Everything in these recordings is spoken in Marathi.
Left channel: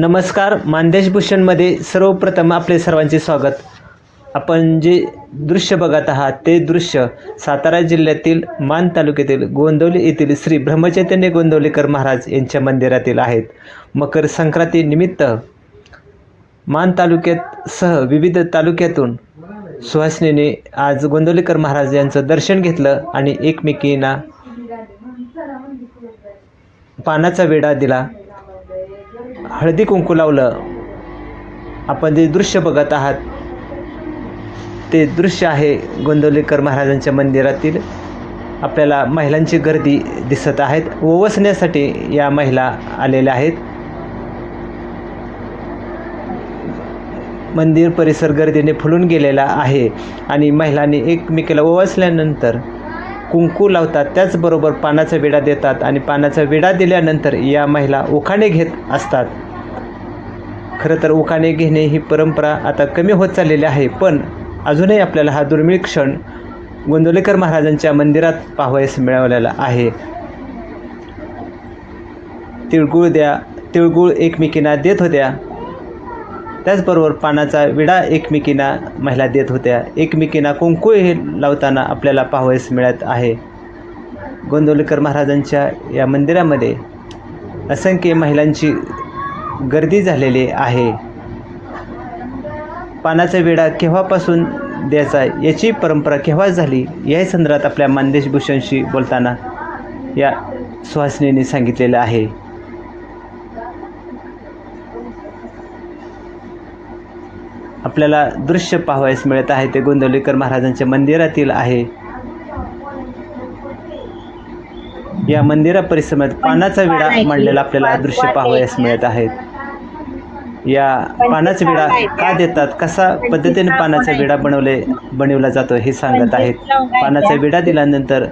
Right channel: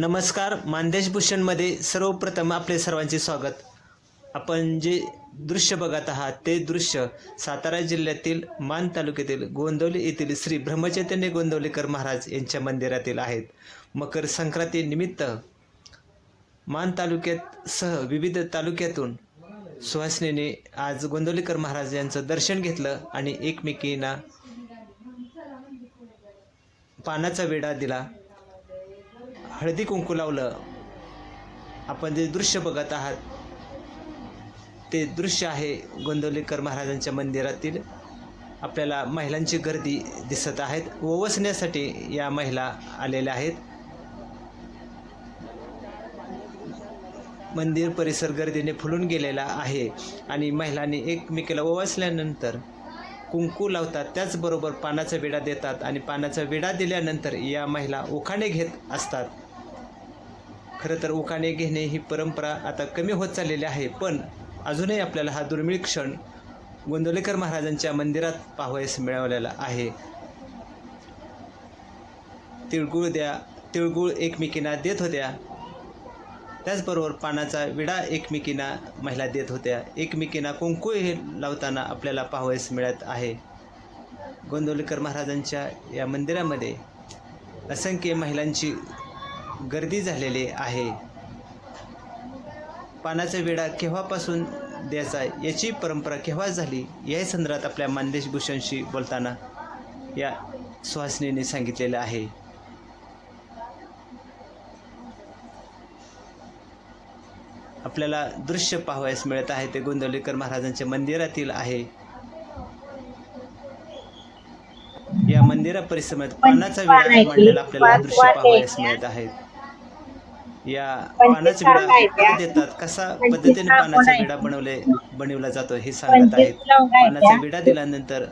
नमस्कार मानदेश भूषणमध्ये सर्वप्रथम आपले सर्वांचे स्वागत. आपण जे दृश्य बघत आहात ते दृश्य सातारा जिल्ह्यातील मान तालुक्यातील गोंदवली येथील श्री ब्रह्मचैतन्य गोंदवलेकर महाराज यांच्या मंदिरातील आहेत. मकर संक्रांतीनिमित्त मान तालुक्यात सह विविध तालुक्यातून सुहासनीने आज गोंदवलेकर महाराज यांचं दर्शन घेतलं आणि एकमेकींना पानाचा वेढा दिला. हळदी कुंकू लावलं. आपण जे दृश्य बघत आहात ते दृश्य आहे गोंदवलेकर महाराजांच्या मंदिरातील. आपल्याला महिलांची गर्दी दिसत आहेत. ओवसण्यासाठी या महिला आलेल्या आहेत. मंदिर परिसर गर्दीने फुलून गेलेला आहे आणि महिलांनी एकमेकीला ओवसल्यानंतर कुंकू लावतात. त्याचबरोबर पानाचा विडा देतात आणि पानाचा विडा दिल्यानंतर या महिला उखाणे घेत असतात. खरं तर उखाणे घेणे ही परंपरा आता कमी होत चाललेली आहे पण अजूनही आपल्याला हा दुर्मिळ क्षण गोंदवलेकर महाराजांच्या मंदिरात पाहावयास मिळवलेला आहे. तिळगुळ द्या तिळगुळ एकमेकींना देत होत्या. त्याचबरोबर पानाचा विडा एकमेकींना महिला देत होत्या. एकमेकींना कुंकू हे लावताना आपल्याला पाहावयास मिळत आहे. गोंदवलेकर महाराजांच्या या मंदिरामध्ये असंख्य महिलांची गर्दी झालेली आहे. पानाचा विडा केव्हापासून द्यायचा याची परंपरा केव्हा झाली याही संदर्भात आपल्या मानदेश भूषणशी बोलताना या सुहासिनीने सांगितलेलं आहे. आपल्याला दृश्य पाहावयास मिळत आहे ते गोंदवलेकर महाराजांच्या मंदिरातील आहे. या मंदिरा परिसरात पानाचा विडा मांडलेला आपल्याला दृश्य पाहावयास मिळत आहेत या पानाचा विडा का देतात? कसा पद्धतीने पानाचा विडा बनवले बनवला जातो हे सांगत आहेत. पानाचा विडा दिल्यानंतर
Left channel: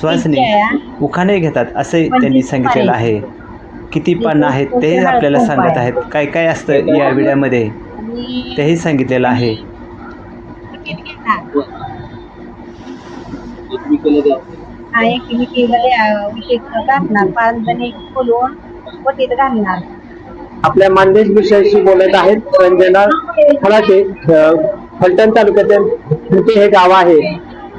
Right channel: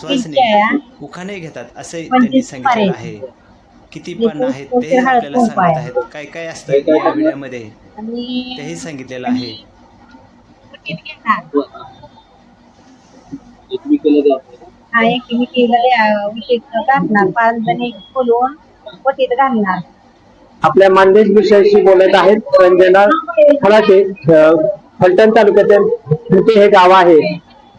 श्वासने उखाणे घेतात असे त्यांनी सांगितलेलं आहे. किती पानं आहेत ते आपल्याला सांगत आहेत. काय काय असतं या विड्यामध्ये? तेही सांगितलेलं आहे. घालणार. पाच जणी वटीत घालणार. आपल्या मानदेश विषयाशी बोलत आहेत रंजना फलाटे फलटण तालुक्यातील हे गाव आहे.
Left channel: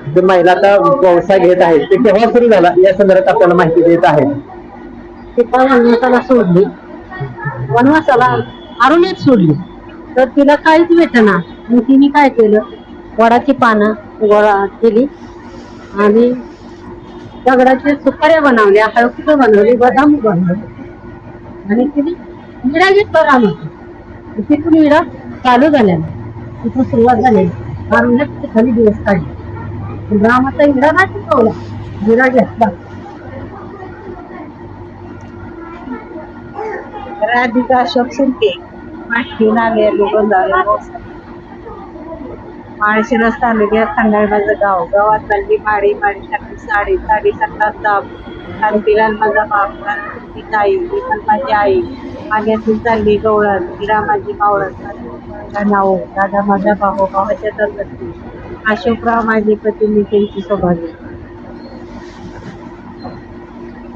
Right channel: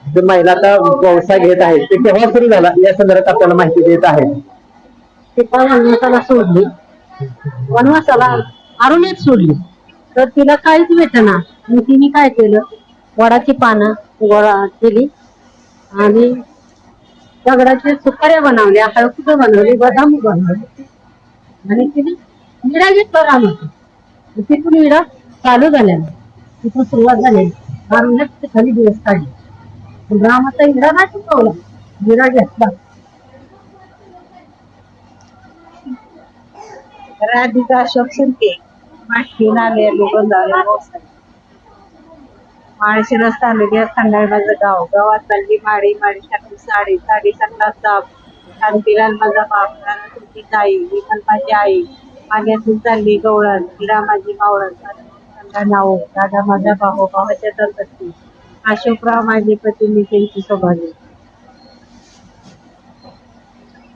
जे महिला आता व्यवसाय घेत आहेत. ते केव्हा सुरू झाला? या संदर्भात आपल्याला माहिती देत आहेत. वनवासाला सोडली. वनवासाला अरुणीत सोडली. तर तिला काहीच भेटना. मग तिने काय केलं? वडाची पानं गोळा केली. आणि दगडाच्या सुपाऱ्या बनवल्या हळकुटं बनवली बदाम बनवले. आणि तिने विडा घेतला होतो तिथून विडा चालू झाल्या तिथून सुरुवात झाली अरुण्यात खाली दिवस काढले. पण रामाचा विडा नाही चुकवला विडा घेतला. राधिका अशोक शिंदे. माहिती नाले लोकं माळशिरस तालुक्यात खंडाळ माझं गाव. गावात चालली माडी माळी टाकली साडी साडी सत्ता दाब शांतीलाल माझा बाप तुमची ताई मी पण माझी आई. माग्यातून चालली गवळण हिरा माझी मावळण माझा नाव दादा माझा भाऊ भावाच्या दरगती अशोकराव माझे पती मी त्यांची सौभाग्य.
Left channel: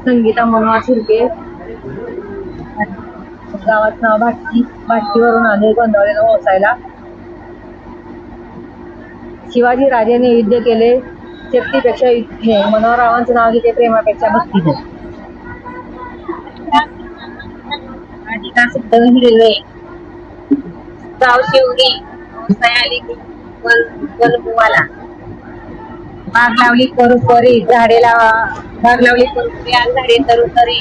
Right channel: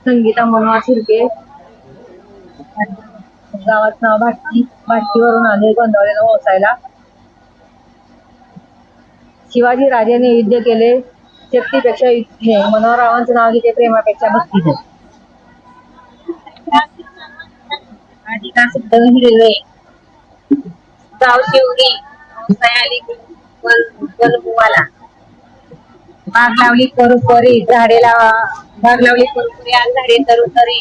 संगीता मनोहर शिर्के. गावात नाव भाटकी भाटकीवरून आले गोंधळेला पोहोचायला शिवाजी राजाने युद्ध केले. शक्तीपेक्षा हे मनोहररावांचं नाव घेते प्रेमापेक्षा भक्तीचे राधिका सिद्ध हिरवे. गाव शिवरी सयाली वनभुवाला बाग लावली करू परी झाडे लावा. बाग लावली करू परी आज झाडे तरू तरी.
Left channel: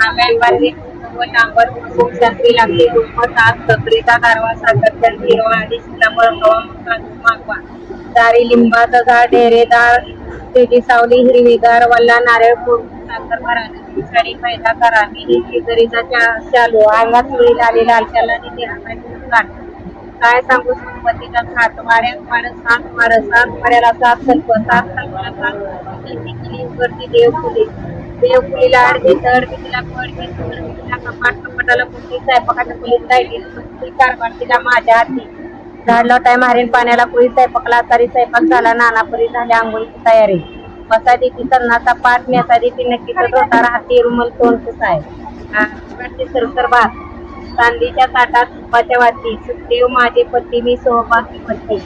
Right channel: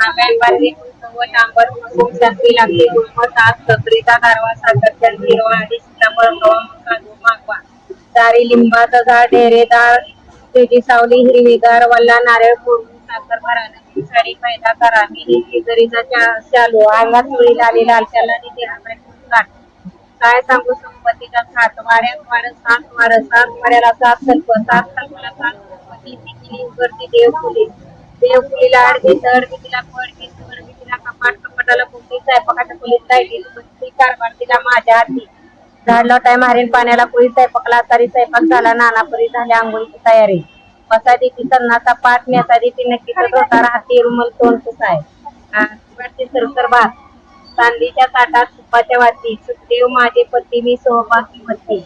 आंब्यान बांधली. व शांबर शास्त्री लागली. दुप्पट आज सकरीचा गारवा साखर तर हिरवा आणि सीताफळ कवा काजू मागवा. दारी लिंबाचं झाड डेरेदार त्याची सावली हिरवीगार वल्ला नारळ फोडून साखर भरा नदी पैदा करावी करा. मी ही शेजारीचा चा- शालू अंगात सुळी लाली लाल त्याला काय सांगू संपत्तीचा खात वाड्यात वाड्यात सात वाड सात वाड्याला सात कल्प सात कल्पाला सात केली वरती देव फुले. देव फुलीला अडगे तड तिला पड घेत तड तिला कपाट कपाटाला कुठली स्वयंपाकाच्या खोलीत राहिली. कुठली कारभार तिला माझ्या हाती? झाड लोटाय मारेन पाण्याला कोळी स्वयंपाकला तरी स्वयंपाक झाला नानापुरी झाली आंघोळीची तयारी. मसादी ती सन्नाचा पाठ नेसादी ती नक्की होता राहती रुमल तोंडच आहे. सरसर भात चांदीच्या ताटात तुपाच्या वाती. सुखदेव माझे पती मी सोहभागी पती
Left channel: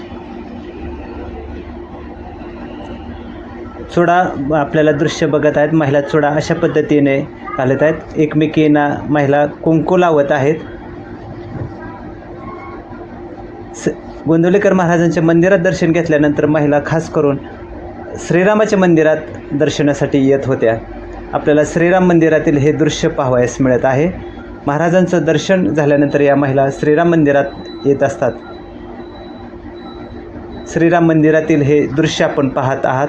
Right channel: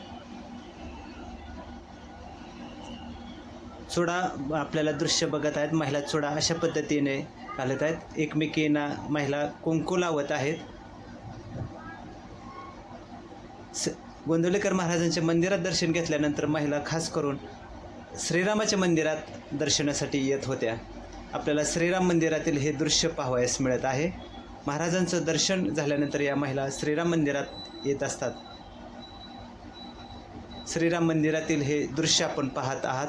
चुडा आपल्याला दृश्य बघत आहेत. महिला चुडा अशा पद्धतीने घालत आहेत. एकमेकींना महिला कुंकू लावत आहेत. स गोंदवलेकर महाराजांच्या मंदिरात दर्शन घेतल्यानंतर महिला खास करून श्रीरामाच्या मंदिरात दर्शनासाठी येत होत्या. आपल्याला श्रीराम मंदिरातील हे दृश्य पाहावयास मिळत आहे. महाराजांचं दर्शन झाल्यानंतर या महिला श्रीराम मंदिरात येत असतात. श्रीराम मंदिरातील हे दृश्य आपण पाहत आहात.